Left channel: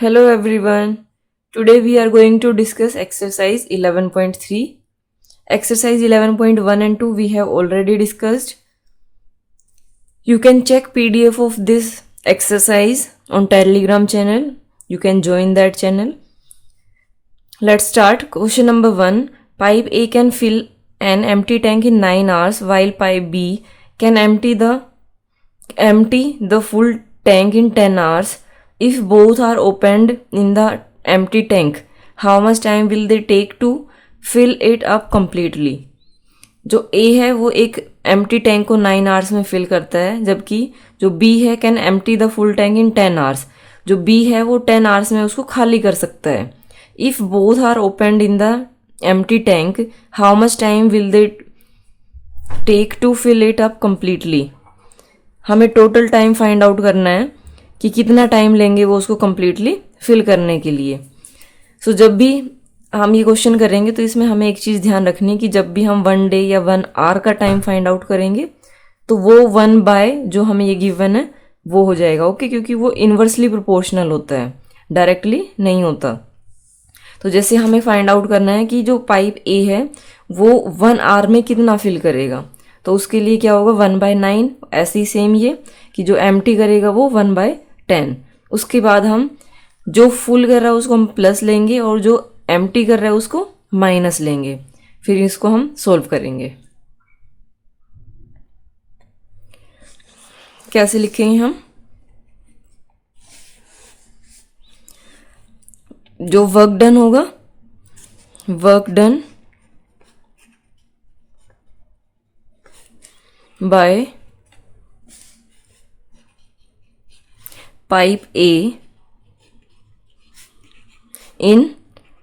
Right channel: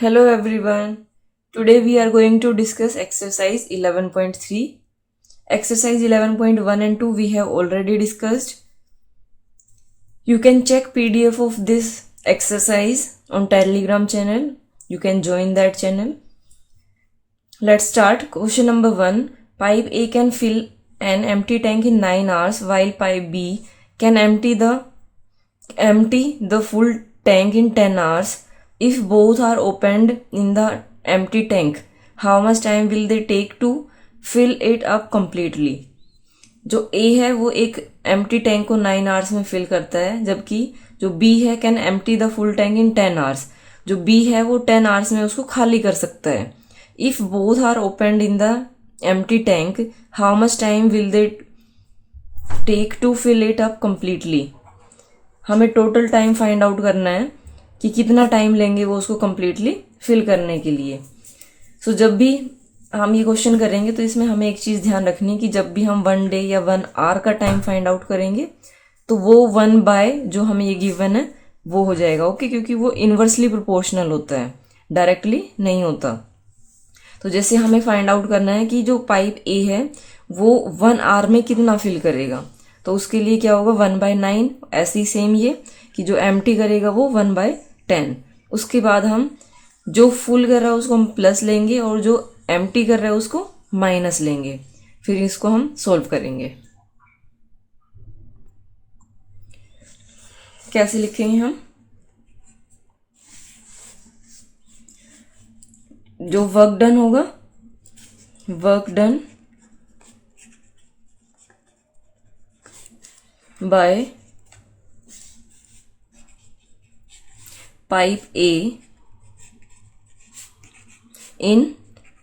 Hello everyone. Today we are going to discuss exercise 11.3. Exercise 11.1 and 2 we have already discussed. You can check PDF of this exercise on Telegram channel. You can join that channel. Let's start. Question number 1. Pipe A can fill an empty tank in 9 hours while pipe B can empty the full tank in 10 hours. If both are opened in the empty tank, how much time will they take to fill it up completely? जो A है वो एक empty tank को 9 hours में fill करता है, जबकि जो B है can empty the full tank in 10 hours. जो B है वो 10 आवर्स में उसको खाली कर सकता है. If both are opened in the empty tank, how much time will they take to fill it up completely. हमें टोटल टाइम फाइंड आउट करना है कि कितना टाइम लेंगे वो उसको कम्प्लीटली फिल करने के लिए. सो जब भी हम ये क्वेश्चन करेंगे तो इसमें हमें एक चीज़ ध्यान रखनी है कि जब भी हम 1 डे या 1 आवर का टाइम फाइंड आउट करेंगे तो वो 1 बाय जो हमें ये गिवन है वो हो जाएगा. ओके, क्योंकि वो इन्वर्सली प्रोपोर्शनल होता है, डायरेक्टली नहीं होता. तो जैसे हमें फाइंड आउट करना है कि जो पाइप ए है वो 1 आवर में कितना फिल करेगा, तो उसके लिए क्या होगा 1/9. ऐसे ही सेम ये कि जो एम्प्टी करेगा वो 1/10. उसके बाद हम जो फुल कर रहा है उसको हम प्लस लेंगे और जो एम्प्टी कर रहा है उसको माइनस लेंगे. फिर इसको हम सोल्व करेंगे. कैसे लिखेंगे हम? जो वर्क डन होगा, work done by pipe A in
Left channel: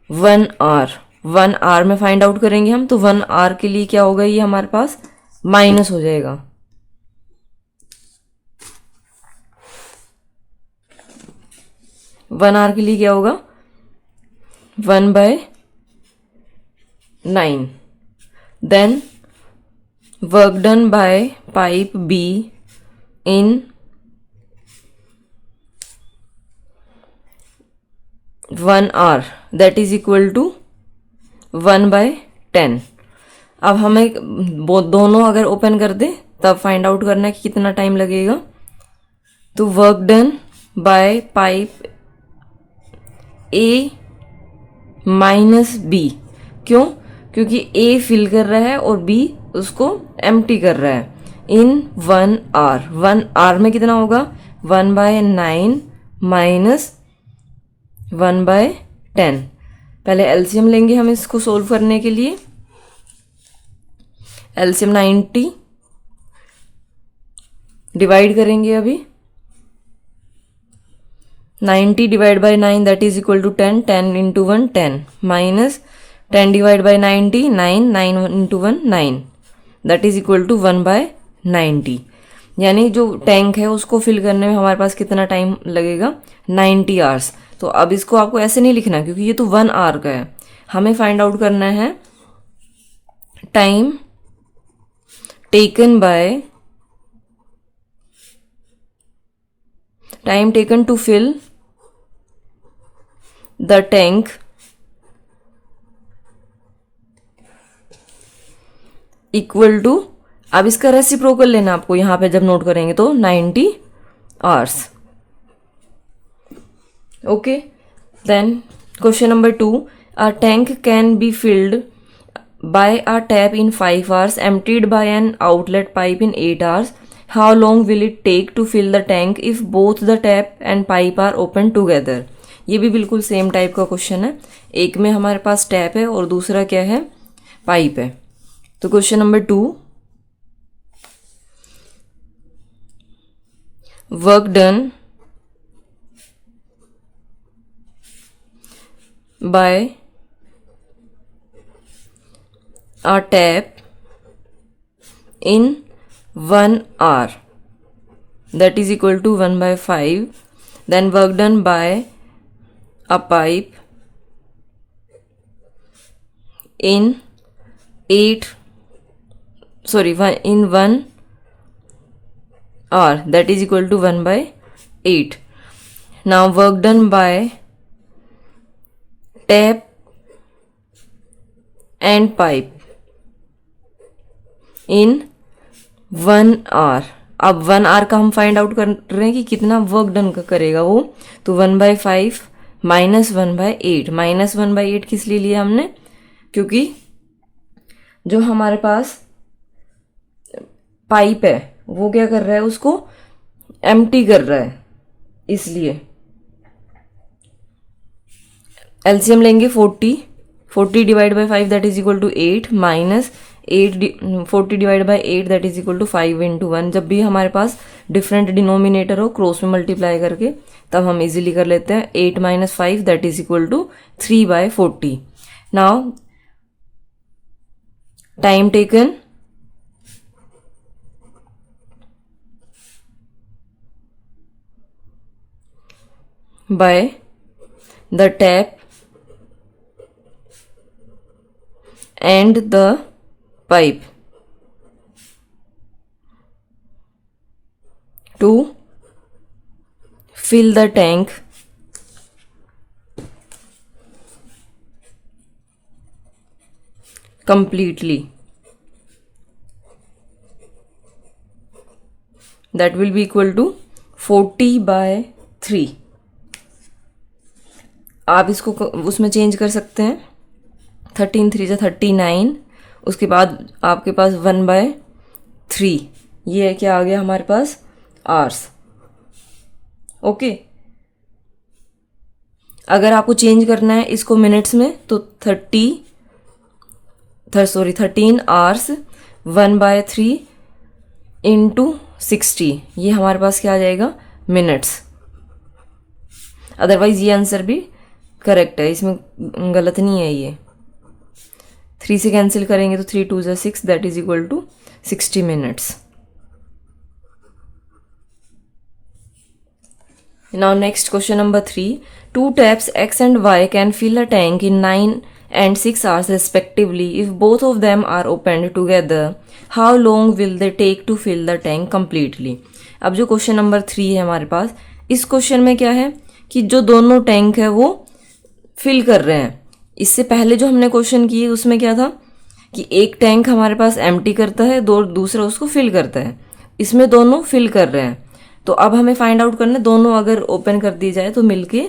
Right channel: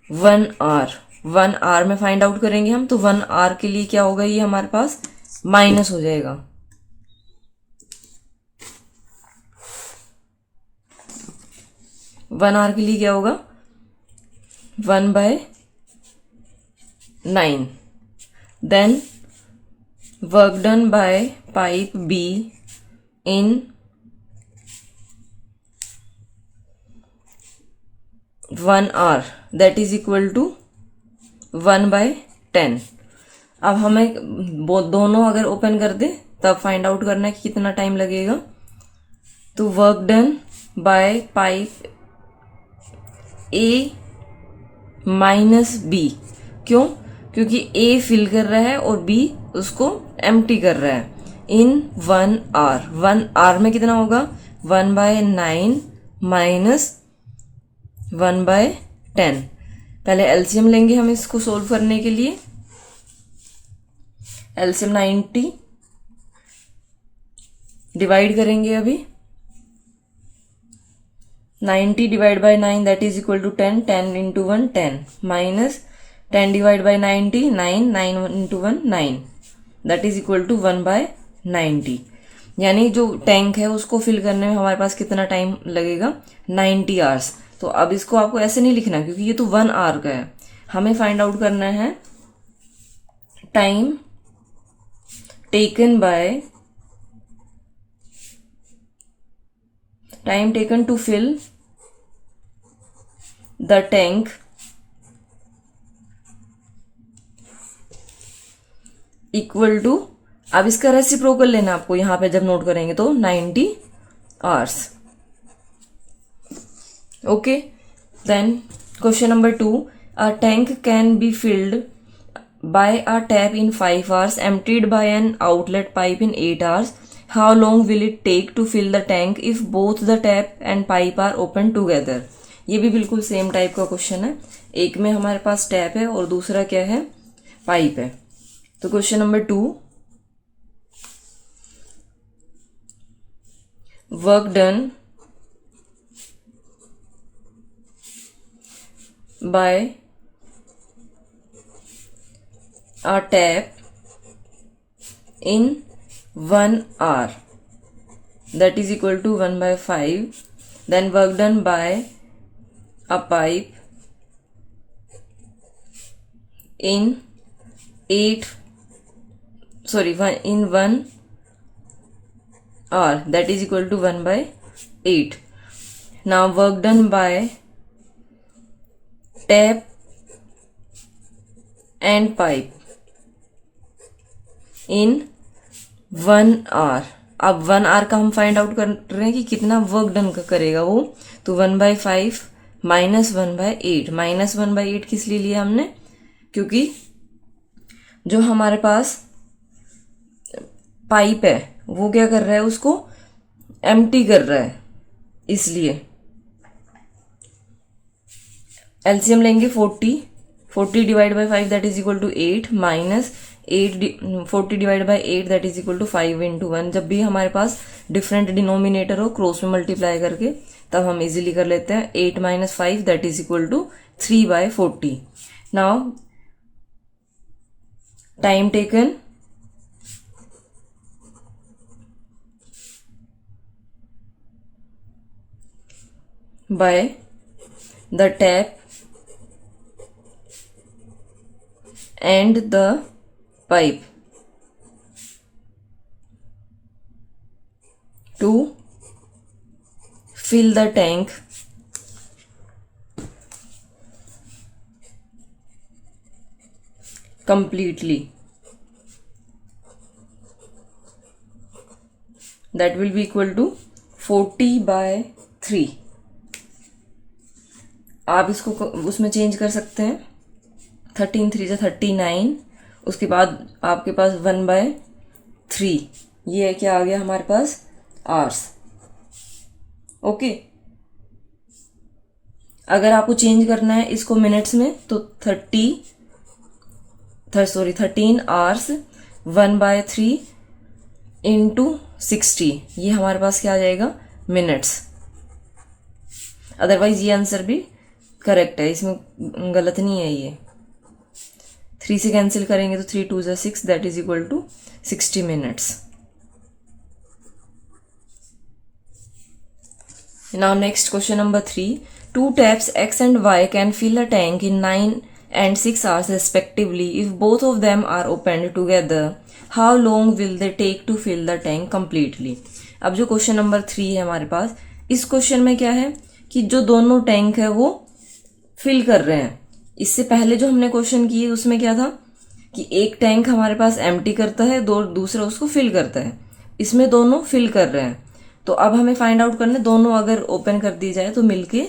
1 hour. 1 hour में फाइंड आउट करेंगे हम, तो 1 आवर के लिए क्या होगा, ये हमारे पास माइनस हो जाएगा. वन आवर के लिए क्या होगा 1/9. Then work done by pipe B in 1 hour, that is equal to 1/10. अब हमें दोनों अगर ओपन कर दे तब फाइंड आउट करना है कि कितना टाइम लगेगा. तो work done by pipe A minus B. क्यों? क्योंकि ए फिल कर रहा है और बी उसको एम्प्टी कर रहा है. इन 1 आवर, 1 आवर में कितना होगा 1/9 माइनस 1/10. पहले एलसीएम लेंगे हम इसको सोल्व करने के लिए. एलसीएम 90 डिवाइड करेंगे. अभी 90 divide by 9 that is equal to 10. 10 into 1 10 minus 10 divide by 90 9. 9 into 1 9 that is equal to 1/90. यानी जो टैंक है उसको फिल करने में हमारे पास कितना टाइम लगेगा 90 आवर्स. तो अब इसको आपको ऐसे नहीं लिखना क्योंकि ये तो 1 आवर का है. हमें फाइंड आउट करना है time taken to fill the tank equal to, अब इसका रेसिप्रोकल लेना आपको यहां पे जब नोट करेंगे तो 90 hours. Okay, then question number 2. A tank can be filled by a tap in 5 hours, emptied by an outlet pipe in 8 hours. How long will it take to fill the tank if both the tap and pipe are open together? ये भी बिल्कुल same type का question है. एक में हमारे पास tap है और दूसरा क्या है, पाइप है. तो question number 2, work done by a tap in 1 hour, that is equal to 1/5. Then work done by a pipe in 1 hour, that is equal to 1/8. Now work done by tap and pipe in 1 hour. अब 1 our का हम find out कर रहे हैं कि कितना work done करेगा वो, तो 1/5 -1/8। -1/8 किस लिए लिया हमने, क्योंकि जो हमारे पास पाइप है वो क्या कर रहा है, उसको एम्प्टी कर रहा है, इसलिए। एलसीएम लेंगे 40 divide by 5 that is equal to 8 minus 40 divide by 8 that is equal to 5 into 1। जब भी हमारे पास डिफरेंट डिनोमिनेटर हो क्रॉस में मल्टीप्लाई करके तब हम इजीली कर लेते हैं। 8 - 5 that is equal to 3/40। Now time taken by the tap and the pipe to fill the tank completely, that will be equal to 40/3। आप इसको उसमें चेंज कर सकते हैं। 13 3 जा 39, उसके बाद आपके पास 1/3, ये है क्या आ गया हमारे पास, आवर्स। ओके, अगर आपको चेंज करना है इसको मिनट्स में तो 13 आवर्स 1/3 इंटू 60, ये हमारे पास क्या आ जाएगा, मिनट्स। अदरवाइज ये आंसर भी करेक्ट है, इसमें गलत नहीं है। ये 3 से कैंसिल करेंगे तो 3 2 जा 6 that is equal to 60 minutes. Now next question number 3। 2 taps X and Y can fill a tank in 9 and 6 hours respectively. If both of them are opened together, how long will they take to fill the tank completely? अब जो question number 3 है हमारे पास, इस question में क्या है कि जो दोनों टैंक है वो फिल कर रहे हैं। इससे पहले जो हमने क्वेश्चन किए उसमें क्या था कि एक टैंक हमारे पास एम्प्टी करता है, दूसरा उसको फिल करता है। इसमें दोनों फिल कर रहे हैं, तो अब हमें फाइंड आउट करना है दोनों अगर ओपन कर दी जाए तो मिलके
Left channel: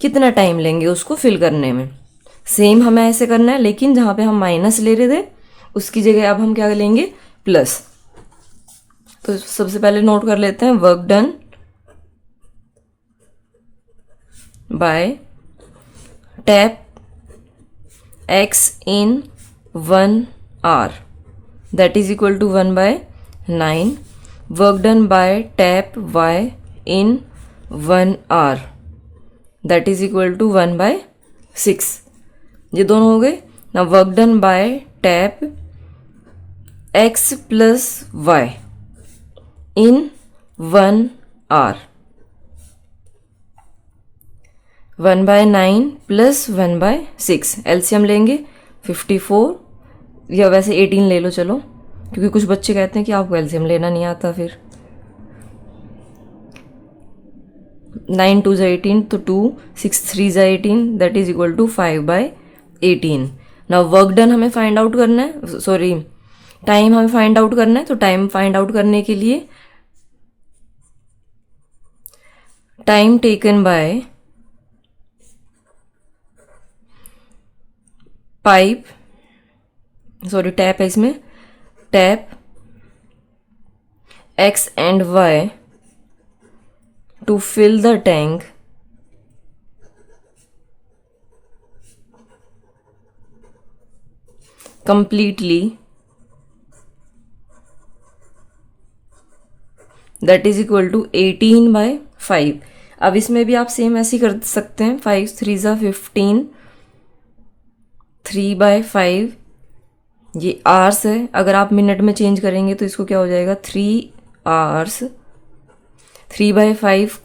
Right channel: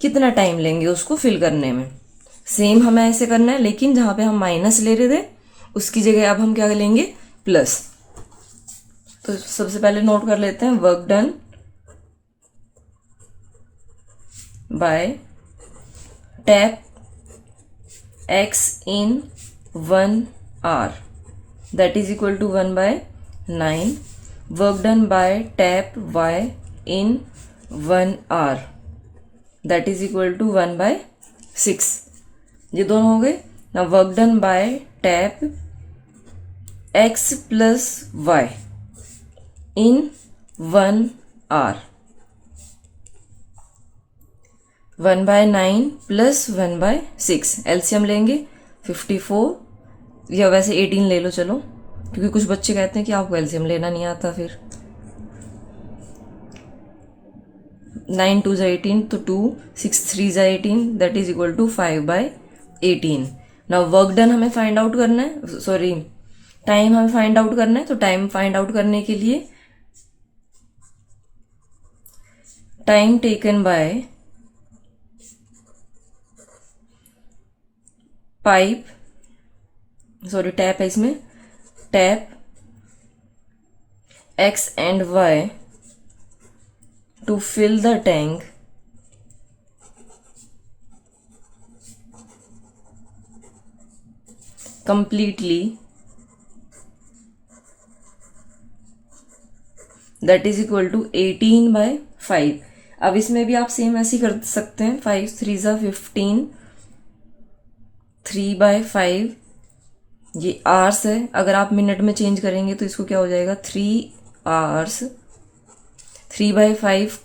कितना टाइम लेंगे उसको फिल करने में। सेम हमें ऐसे करना है, लेकिन जहाँ पे हम माइनस ले रहे थे उसकी जगह अब हम क्या लेंगे, प्लस। तो सबसे पहले नोट कर लेते हैं, work done by tap X in 1 hour that is equal to 1/9. Work done by tap Y in 1 hour that is equal to 1/6. ये दोनों हो गए ना। Work done by tap X plus Y in 1 hour 1/9 plus 1/6। LCM लेंगे 54 या वैसे 18 ले लो चलो, क्योंकि कुछ बच्चे कहते हैं कि आपको एलसीएम लेना नहीं आता। फिर 9 2 जा 18 तो 2 6 3 जा 18 दैट इज इक्वल टू 5/18। ना वर्क डन हमें फाइंड आउट करना है, सॉरी टाइम हमें फाइंड आउट करना है। तो टाइम फाइंड आउट करने के लिए time taken by pipe, sorry tap है इसमें, tap X and Y to fill the tank completely that is equal to 18/5। अब इसमें भी आप सेम ऐसे ही कर सकते हैं, 5 3 जा 15 3/5, ये आवर्स है। अगर आप मिनट में चेंज करेंगे तो इसको क्या हो जाएगा, 3 आवर्स। 3/5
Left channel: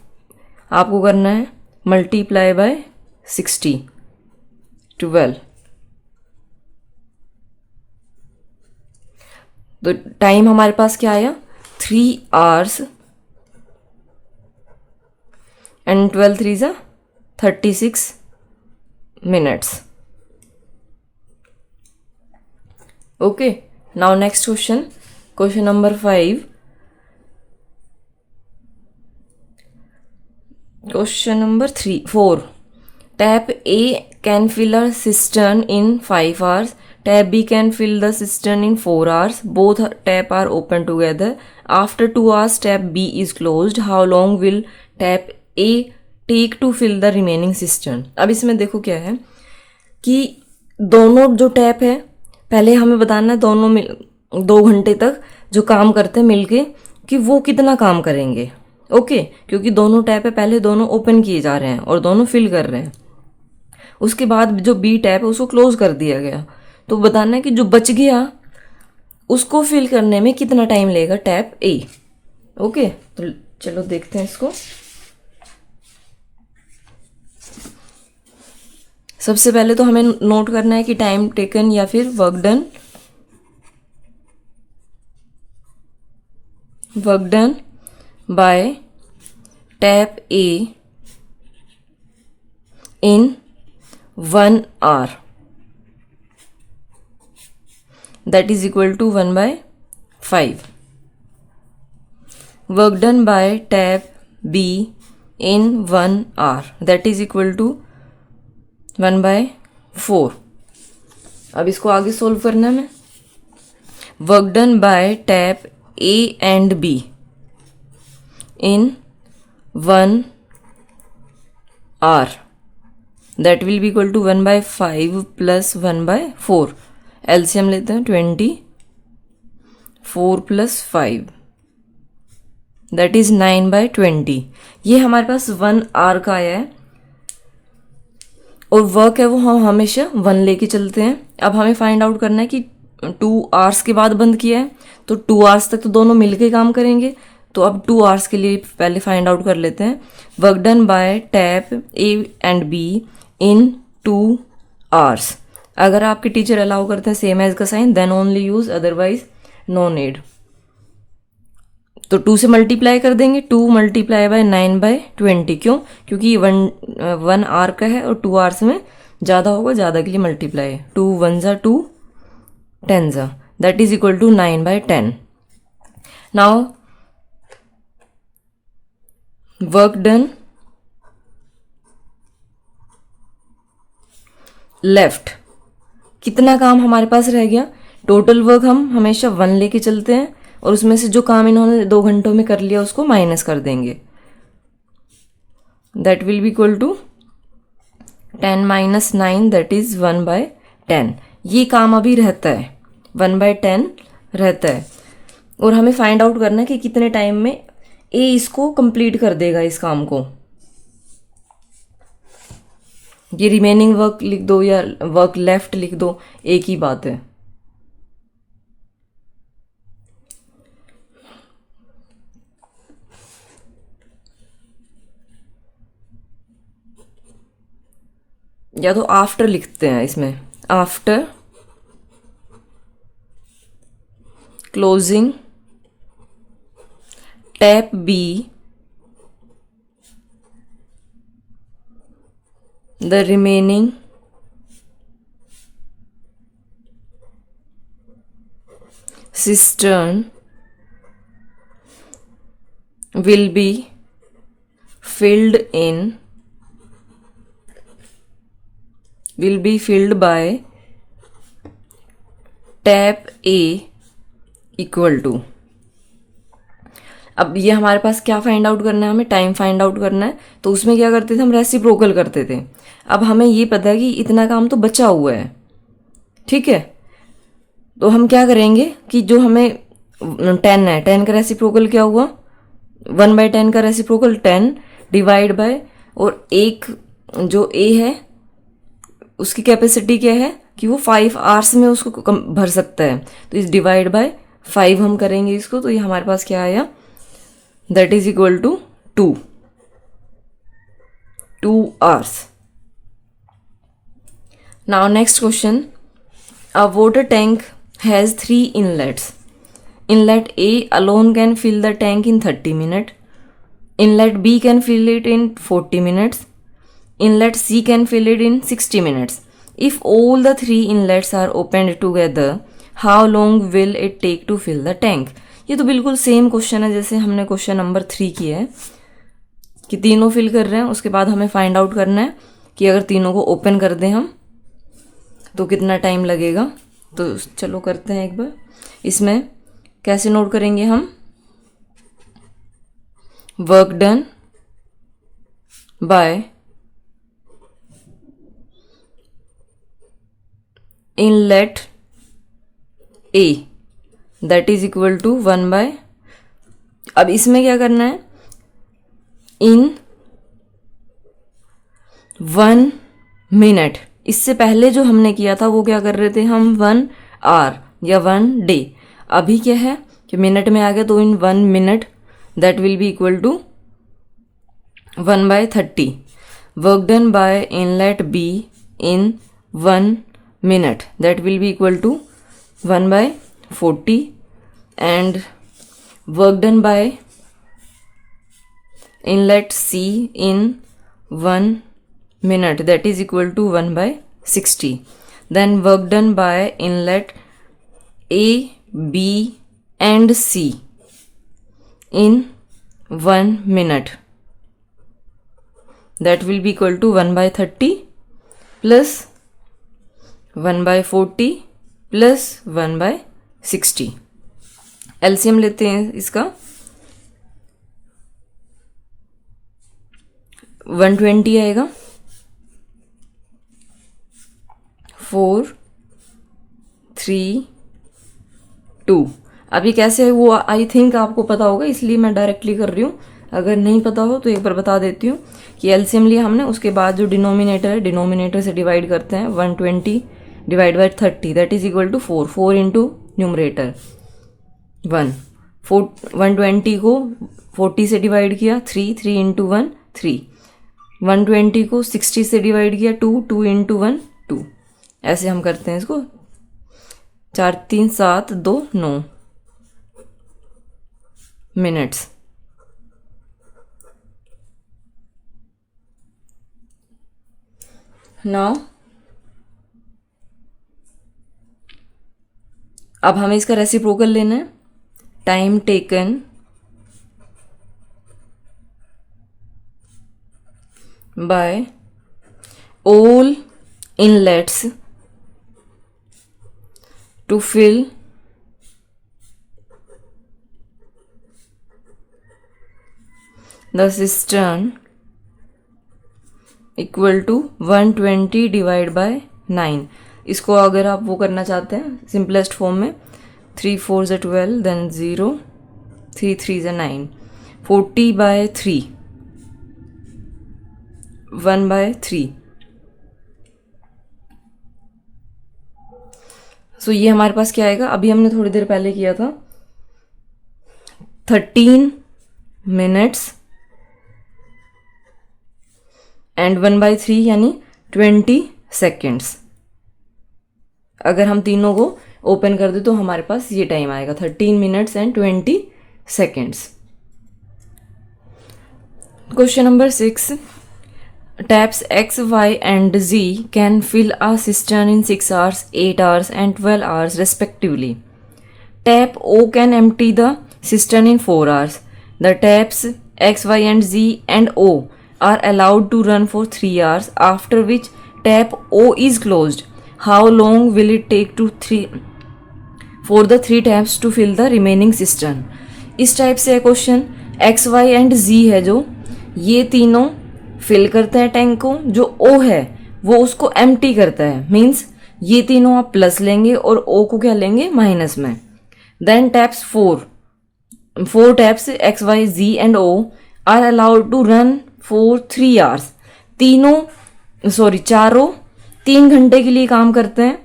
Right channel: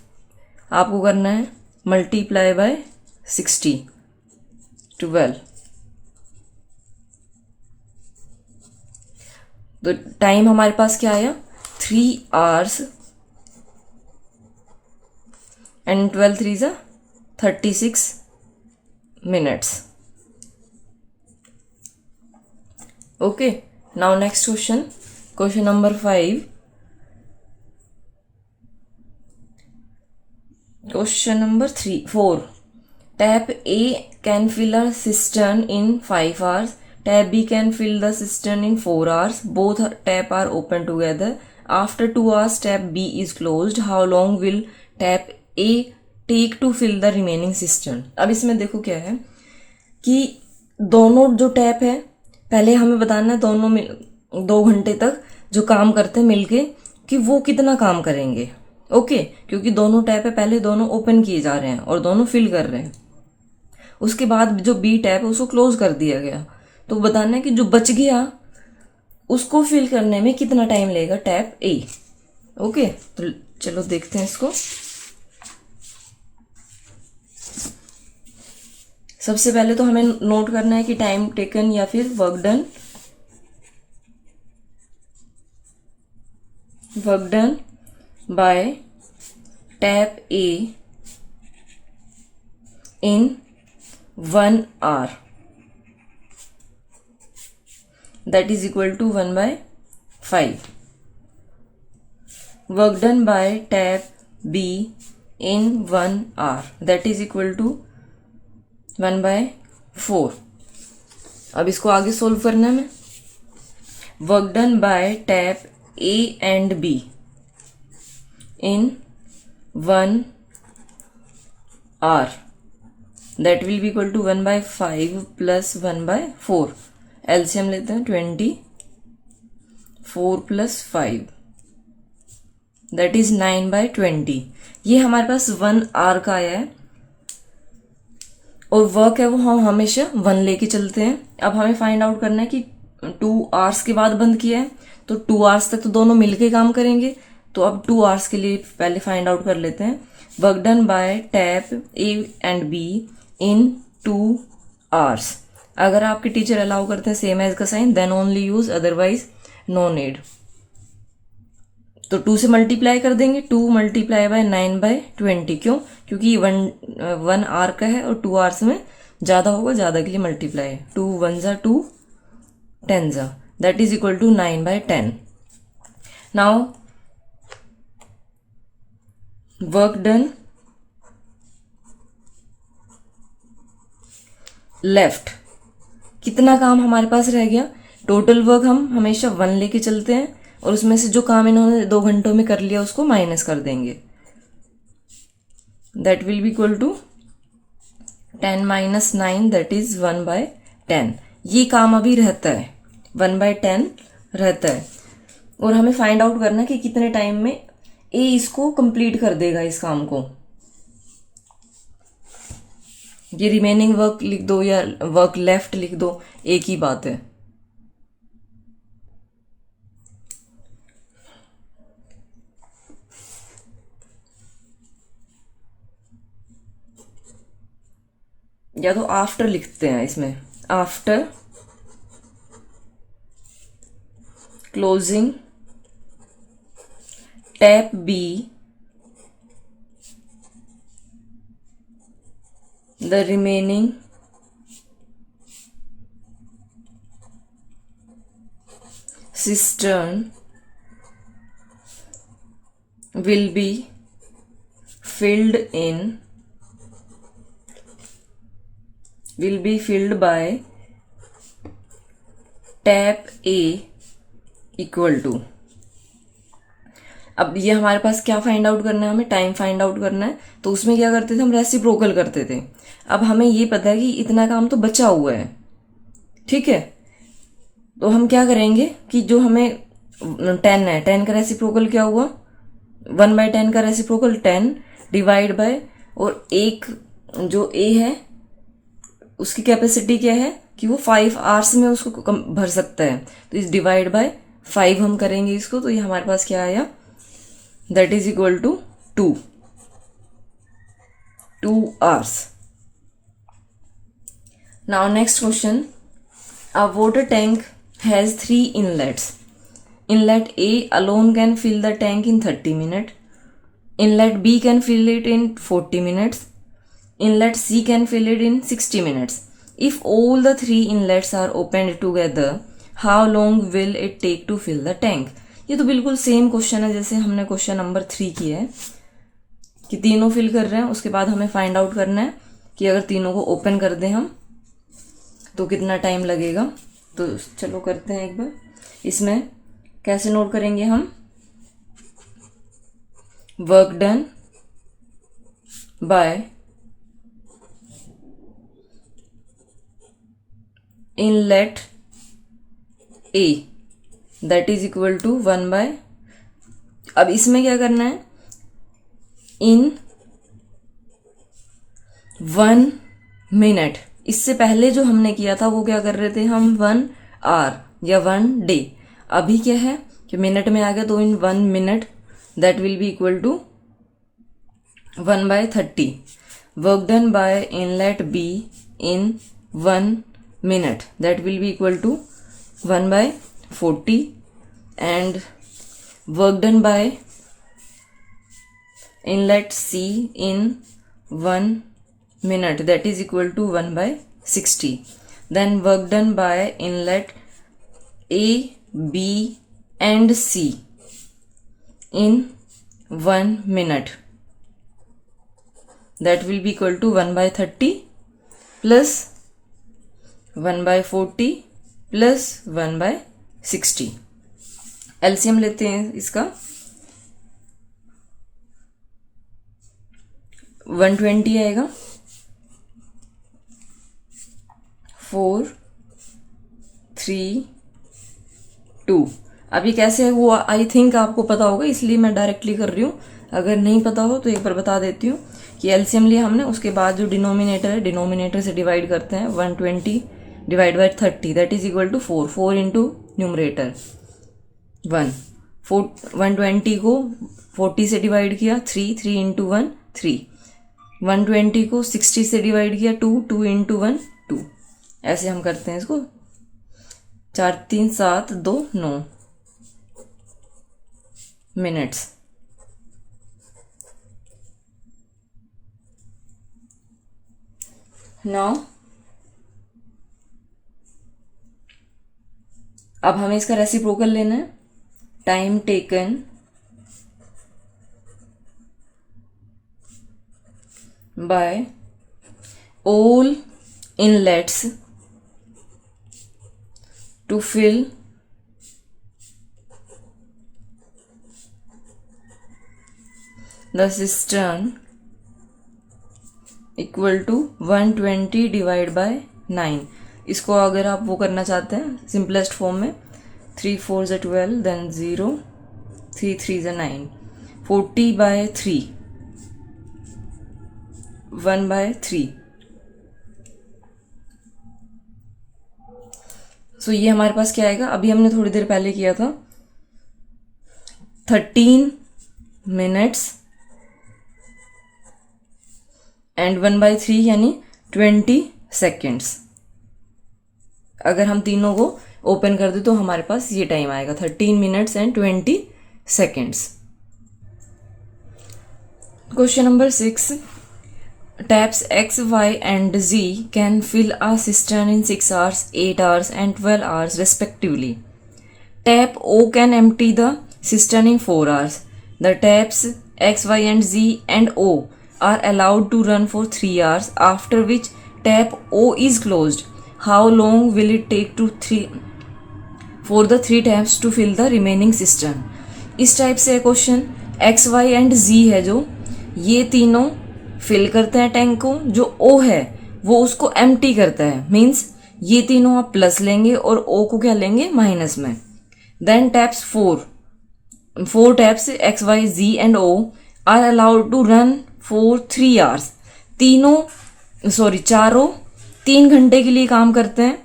आपको करना है मल्टीप्लाई बाय 60 12। तो टाइम हमारे पास क्या आया, 3 आवर्स एंड 12 3 जा 36 minutes. Okay, now next question. Question number 5. Question number 4. Tap A can fill a cistern in 5 hours. Tap B can fill the cistern in 4 hours. Both tap are open together. After 2 hours, tap B is closed. How long will tap A take to fill the remaining cistern? अब इसमें देखो क्या है कि दोनों जो tap है, पहले हमें बताना है दोनों 2 घंटे तक जो काम करते हैं मिलके कि वो कितना काम करेंगे. ओके, क्योंकि दोनों टैप है, पहले दोनों ओपन किए जा रहे हैं और दोनों फिल कर रहे हैं. उसके बाद जो बी टैप है उसको क्लोज कर दिया गया, तो बताना है कि जो बच गया उसको फिल करने में कितना टाइम लेगा टैप ए. ओके, तो चलो देखते हैं इसको. सबसे पहले तो हमें नोट करना है कि टाइम टेकन या फिर work done by tap A in 1 hour, that is equal to 1/5. Work done by tap B in 1 hour, that is equal to 1/4. अब इसको आगे सोल्व करना है. Work done by tap A and B in 1 hour, that will be equal to 1/5 plus 1/4. LCM लेते हैं 24 plus 5, that is 9/20. ये हमारे पास 1 hour का आया है और वर्क है वो हम हमेशा 1 लेके चलते हैं. अब हमें फाइंड आउट करना है कि 2 hours के बाद बंद किया है, तो 2 hours तक तो दोनों मिलके काम करेंगे. तो अब 2 hours के लिए पहले फाइंड आउट कर लेते हैं. Work done by tap A and B in 2 hours. अगर आपके टीचर अलाउ करते हैं सेम एज का sign, then only use, otherwise no need. तो 2 से मल्टीप्लाई कर देंगे. 2 मल्टीप्लाई बाय 9/20. क्यों? क्योंकि 1 hour का है और 2 hours में ज़्यादा होगा, ज़्यादा के लिए मल्टीप्लाई है. 2 1 2 10, that is equal to 9/10. Now work done left. कितना काम हमारे पास रह गया? टोटल वर्क हम हमेशा 1 लेके चलते हैं और उसमें से जो काम इन्होंने 2 घंटों में कर लिया उसको माइनस कर देंगे. That will be equal to 10 - 9, that is 1/10. ये काम अभी रहता है, 1/10 रहता है और हमें फाइंड आउट करना है कि कितने टाइम में ए इसको कंप्लीट कर देगा इस काम को. ये रिमेनिंग वर्क लिख दो या वर्क लेफ्ट लिख दो, एक ही बात है. या तो आफ्टर लिखते हैं इसमें, after closing tap B the remaining cistern will be filled by tap A equal to. अब ये हमारे पास क्या फाइंड आउट करना है? हमें टाइम फाइंड आउट करना है. तो उसमें क्या करते थे हम? रेसिप्रोकल करते थे. अब हमें ये पता है कि इतना काम तो बचा हुआ है, ठीक है. तो हम क्या करेंगे कि जो हमें 10 है, 10 का रेसिप्रोकल क्या हुआ? 1/10 का रेसिप्रोकल 10 डिवाइड बाय, और एक जो ए है उसकी कैपेसिटी क्या है कि वो 5 hours में उसको भर सकता है. तो इस डिवाइड बाय 5 हम करेंगे इसको. तो ये हमारे पास क्या आया? That is equal to 2 hours. Now next question. A water tank has 3 inlets. Inlet A alone can fill the tank in 30 minutes. Inlet B can fill it in 40 minutes. inlet C can fill it in 60 minutes. If all the 3 inlets are opened together, how long will it take to fill the tank? ये तो बिल्कुल same question है जैसे हमने question number 3 किया है कि तीनों फिल कर रहे हैं, उसके बाद हमें फाइंड आउट करना है कि अगर तीनों को ओपन कर दें हम तो कितना टाइम लगेगा। तो चलो करते हैं एक बार। इसमें कैसे नोट करेंगे हम? Work done by inlet A that is equal to 1 by, अब इसमें क्या करना है, इन 1 मिनट। इससे पहले जो हमने किया था वो क्या कर रहे थे हम, 1 आवर या 1 डे। अभी क्या है कि मिनट में आ गया, तो in 1 minute that will be equal to 1 by 30। Work done by inlet B in 1 minute that will be equal to 1 by 40 and work done by inlet C in 1 minute that is equal to 1 by 60. Then work done by inlet A, B and C in 1 minute that will be equal to 1 by 30 plus 1 by 40 plus 1 by 60. LCM लेते हैं इसका, 120 आएगा, 4 3 2। अभी कैसे हुआ I think आपको पता होगा, इसलिए मैं डायरेक्टली कर रही हूँ। अगर नहीं पता हो तो एक बार बता देती हूँ कि एलसीएम लिया हमने, उसके बाद जो डिनोमिनेटर है डिनोमिनेटर से डिवाइड करते हैं। 120 divide by 30 that is equal to 4, 4 into numerator 1, 120 को 40 से डिवाइड किया 3, 3 इंटू 1 3, 120 को 60 से डिवाइड किया 2, 2 इंटू 1 2। ऐसे हम करते हैं इसको, 4 3 7 2 9 मिनट्स। नाउ अब हमें इसका रेसिप्रोकल लेना है। Time taken bye all inlets to fill the cistern equal to 120 divide by 9। इसको अगर आप वो करना चाहते हैं सिंपलेस्ट फॉर्म में, 3 4 ज़ा 12 देन 0 3 3 ज़ा 9, 40 बाय 3 1 बाय 3। सो ये हमारे पास क्या आएगा, अभी हमने थोड़ी देर पहले किया था 13 मिनट्स एंड 1 बाई 3 यानी 20 सेकेंड्स। अगर हम तीनों को ओपन कर दे तो हमारे पास ये टाइम आएगा 13 minutes and 20 seconds. Question number 6, taps X, Y and Z can fill a cistern in 6 hours, 8 hours and 12 hours respectively. Tap O can empty the cistern in 4 hours. The taps X, Y and Z and O are allowed to run for 3 hours, after which tap O is closed. How long will it take for the 3 taps to fill the remaining cistern? इस type से question X, Y and Z है जो ये तीनों fill करते हैं tank को, जो ओ है वो उसको एम्प्टी करता है। मीन्स ये तीनों आप प्लस लेंगे और ओ को क्या लेंगे माइनस में। Then taps 4 taps X Y Z and O are allowed to run for 3 hours. चारों 3 घंटे के लिए काम करते हैं।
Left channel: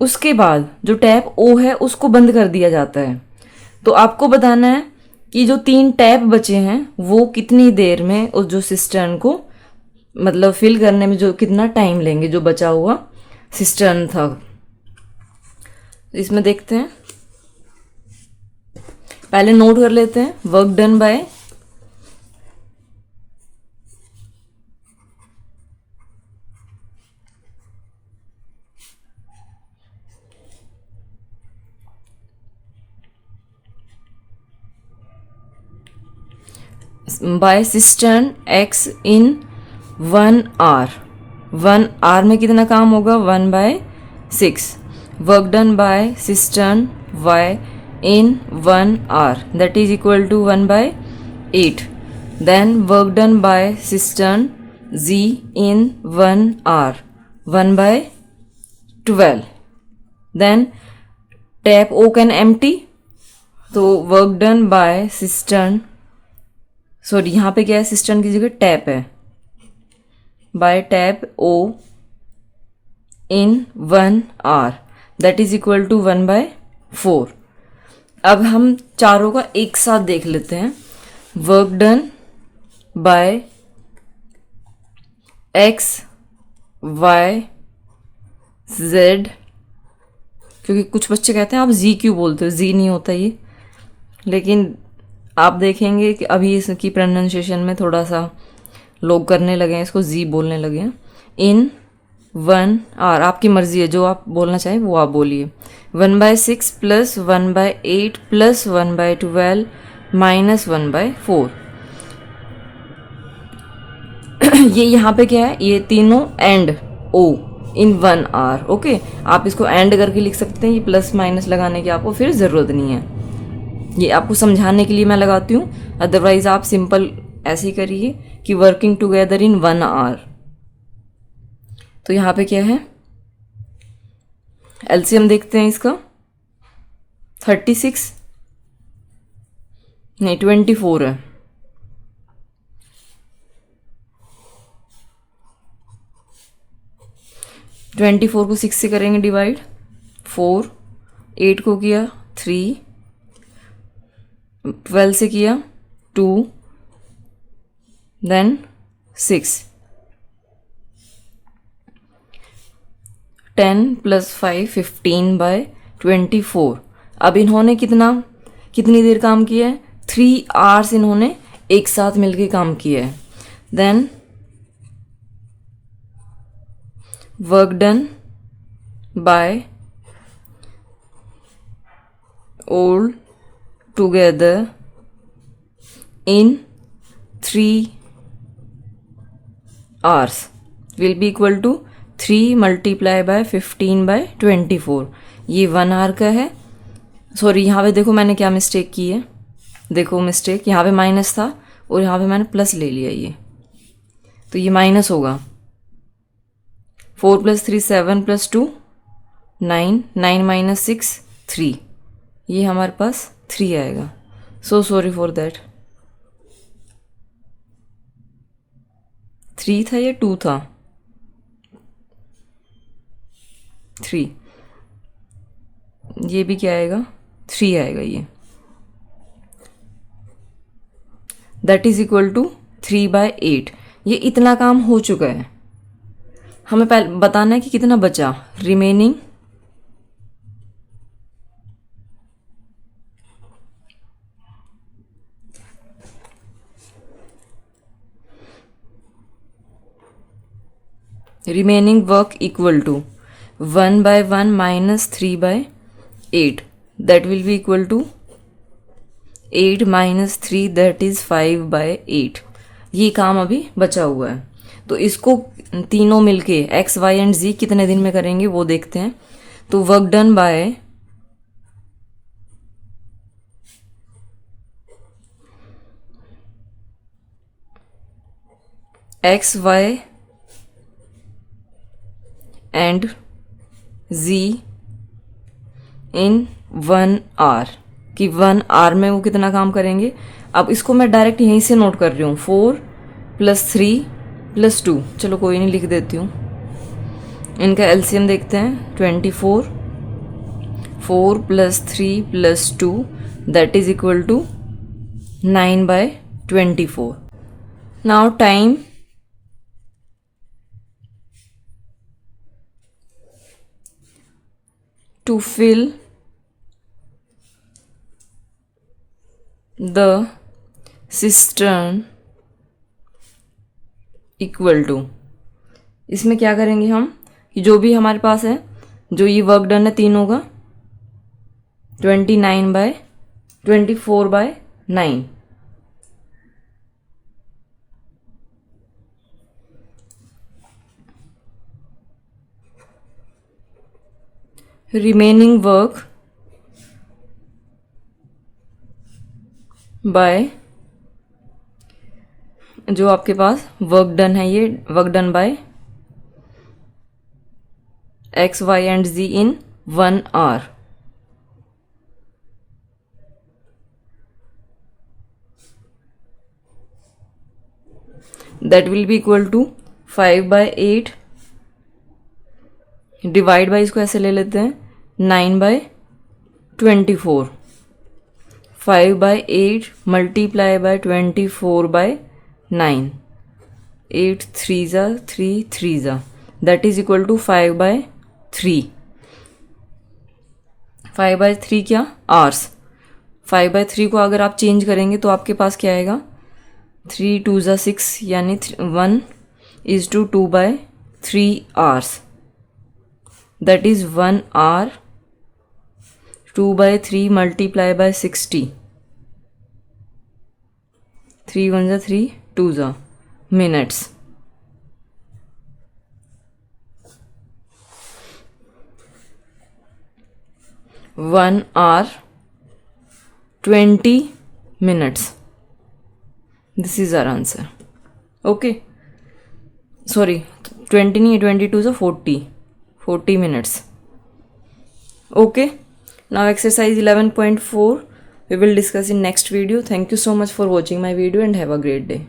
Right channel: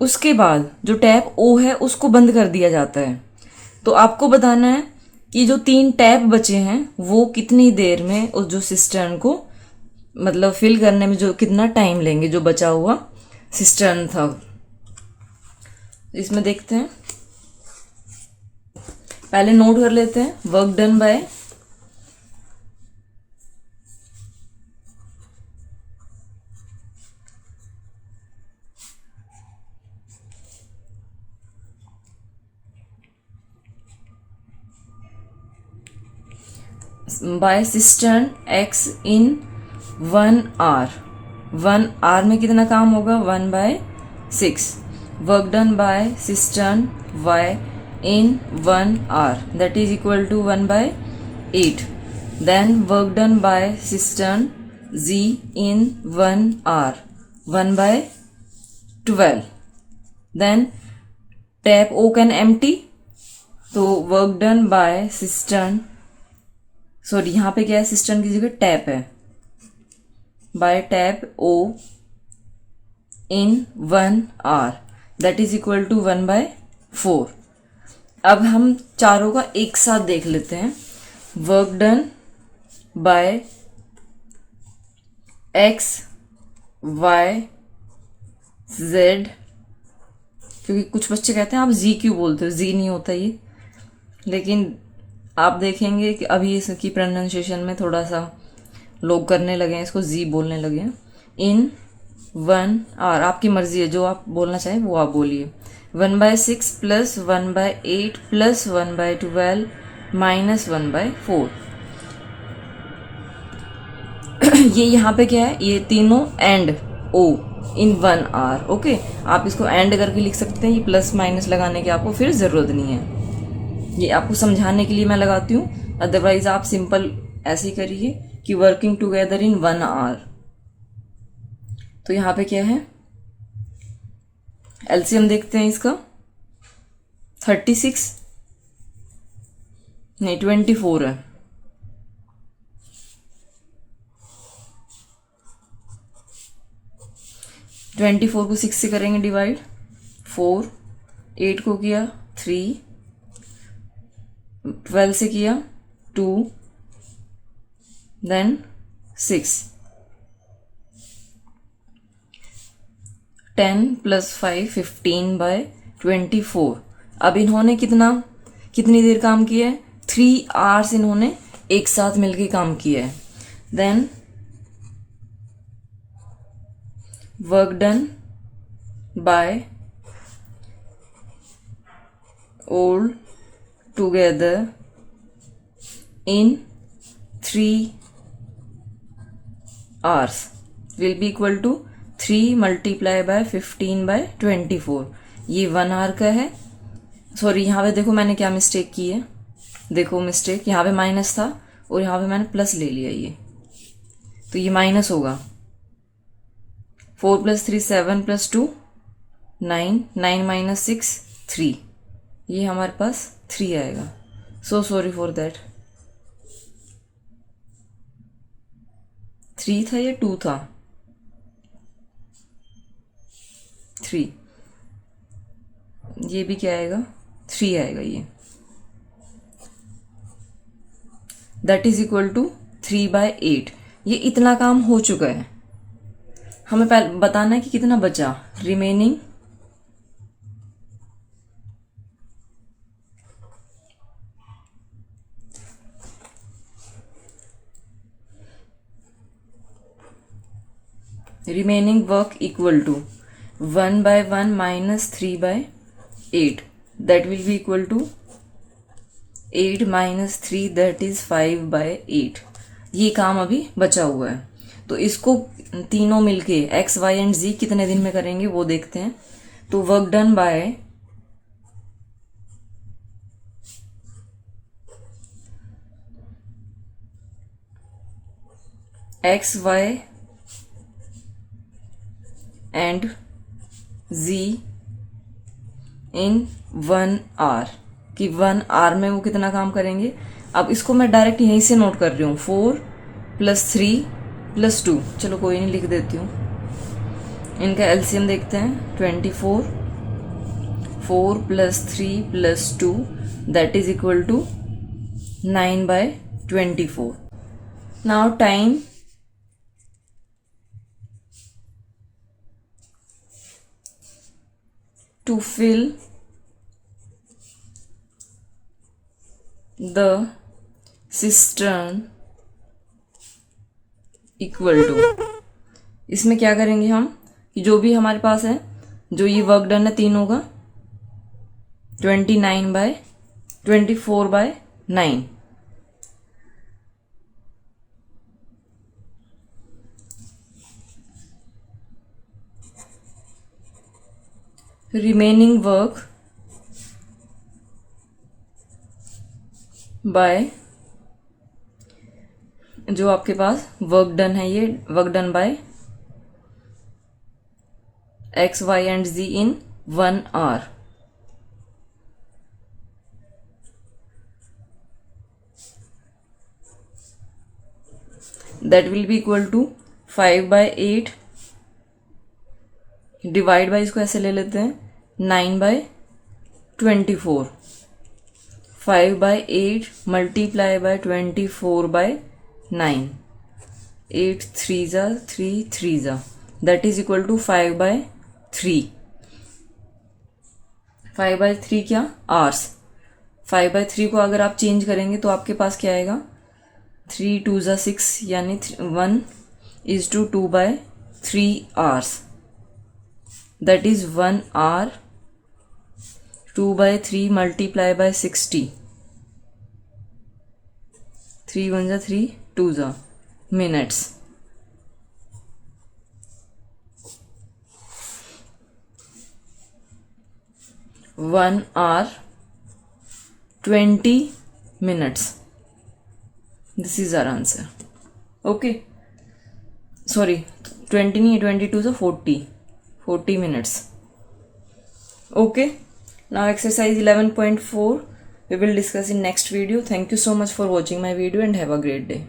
उसके बाद जो टैप ओ है उसको बंद कर दिया जाता है। तो आपको बताना है कि जो 3 टैप बचे हैं वो कितनी देर में उस जो सिस्टर्न को मतलब फिल करने में जो कितना टाइम लेंगे, जो बचा हुआ सिस्टर्न था। इसमें देखते हैं, पहले नोट कर लेते हैं। Work done by by cistern X in 1 hour. 1 hour में कितना काम होगा? 1/6। Work done by cistern Y in 1 hour that is equal to 1/8। Then work done by cistern G in 1 hour 1/12। Then tap O can empty, तो work done by cistern, sorry यहाँ पे क्या है, cistern की जगह टैप है, by tap O in 1 hour that is equal to 1/4। अब हम चारों का एक साथ देख लेते हैं। Work done by X Y Z, क्योंकि कुछ बच्चे कहते हैं आप जी क्यों बोलते हो, जी नहीं होता ये, लेकिन आप देखेंगे कि अभी इसकी प्रोनाउंसिएशन में थोड़ा सा लोग करने लगे हैं, इसको जी बोलने लगे हैं। इन 1 आवर, आपकी मर्जी है, जो आप बोलना चाहें वो आप बोलिए। 1/6 प्लस 1/8 प्लस 1/12 माइनस 1/4। ये यहाँ पे क्या है, ये तीनों and O in 1 hour. Okay, आप इसको एंड करके लिख सकते हैं, ये प्लस माइनस लगाने की आपको फिर ज़रूरत नहीं है, ये आपको समझाने के लिए मैं लगाती हूँ। अदरवाइज आप सिंपल ऐसे ही करिए कि वर्किंग टुगेदर इन 1 आवर। तो यहाँ पे क्या है, एलसीएम देखते हैं इसका। 36 नहीं 24 है। ट्वेंटी 4 को 6 से करेंगे डिवाइड, 4, 8 को किया 3, 12 से किया 2, देन 6, 10 + 5 15/24। अब इन्होंने कितनी देर काम किया है? 3 आवर्स इन्होंने एक साथ मिलके काम किया है। Then work done by all together in 3 hours will be equal to 3 × 15/24। ये 1 आवर का है। सॉरी, यहाँ पे देखो मैंने क्या मिस्टेक की है, देखो मिस्टेक, यहाँ पे माइनस था और यहाँ पे मैंने प्लस ले लिया, ये तो ये माइनस होगा। 4 + 3 7 + 2 9, 9 - 6 3, ये हमारे पास 3 आएगा। सो सॉरी फॉर दैट, 3 था या 2 था? 3, ये भी क्या आएगा? 3 आएगा ये, दैट इज इक्वल टू 3/8। ये इतना काम हो चुका है, हमें पहले बताना है कि कितना बचा remaining. Remaining work equal to 1/1 minus 3/8 that will be equal to 8 - 3 that is 5/8। ये काम अभी बचा हुआ है, तो इसको तीनों मिलके एक्स वाई एंड जी कितने दिन में करेंगे वो देखते हैं। तो work done by X Y and Z in 1 hour, कि 1 आवर में वो कितना काम करेंगे। अब इसको मैं डायरेक्ट यहीं से नोट कर रही हूँ, 4 + 3 + 2, चलो कोई नहीं, लिख देती हूँ। इनका एलसीएम देखते हैं, 24, 4 + 3 + 2 that is equal to 9/24। Now time to fill the cistern equal to, इसमें क्या करेंगे हम कि जो भी हमारे पास है, जो ये वर्क डन है तीनों का 24/9, remaining work by, जो आपके पास वर्क डन है, ये work done bye x, y and z in 1 hour. That will be equal to 5/8 divide by, इसको ऐसे ले लेते हैं 9/24. 5/8 multiply by 24/9. 8 3 3 3 that is equal to 5/3. 5/3 क्या, आवर्स. 5/3 को अगर आप चेंज करेंगे तो आपके पास क्या आएगा, 3 2 6 यानी 1:2/3 hours. That is 1 hour. 2/3 multiply by 60. 3 1 3 2 minutes. One hour 20 minutes. This is our answer. Okay. Sorry, 20 नहीं, 22 so 40 minutes. Okay. Now exercise 11.4 we will discuss in next video. Thank you so much for watching my video and have a great day.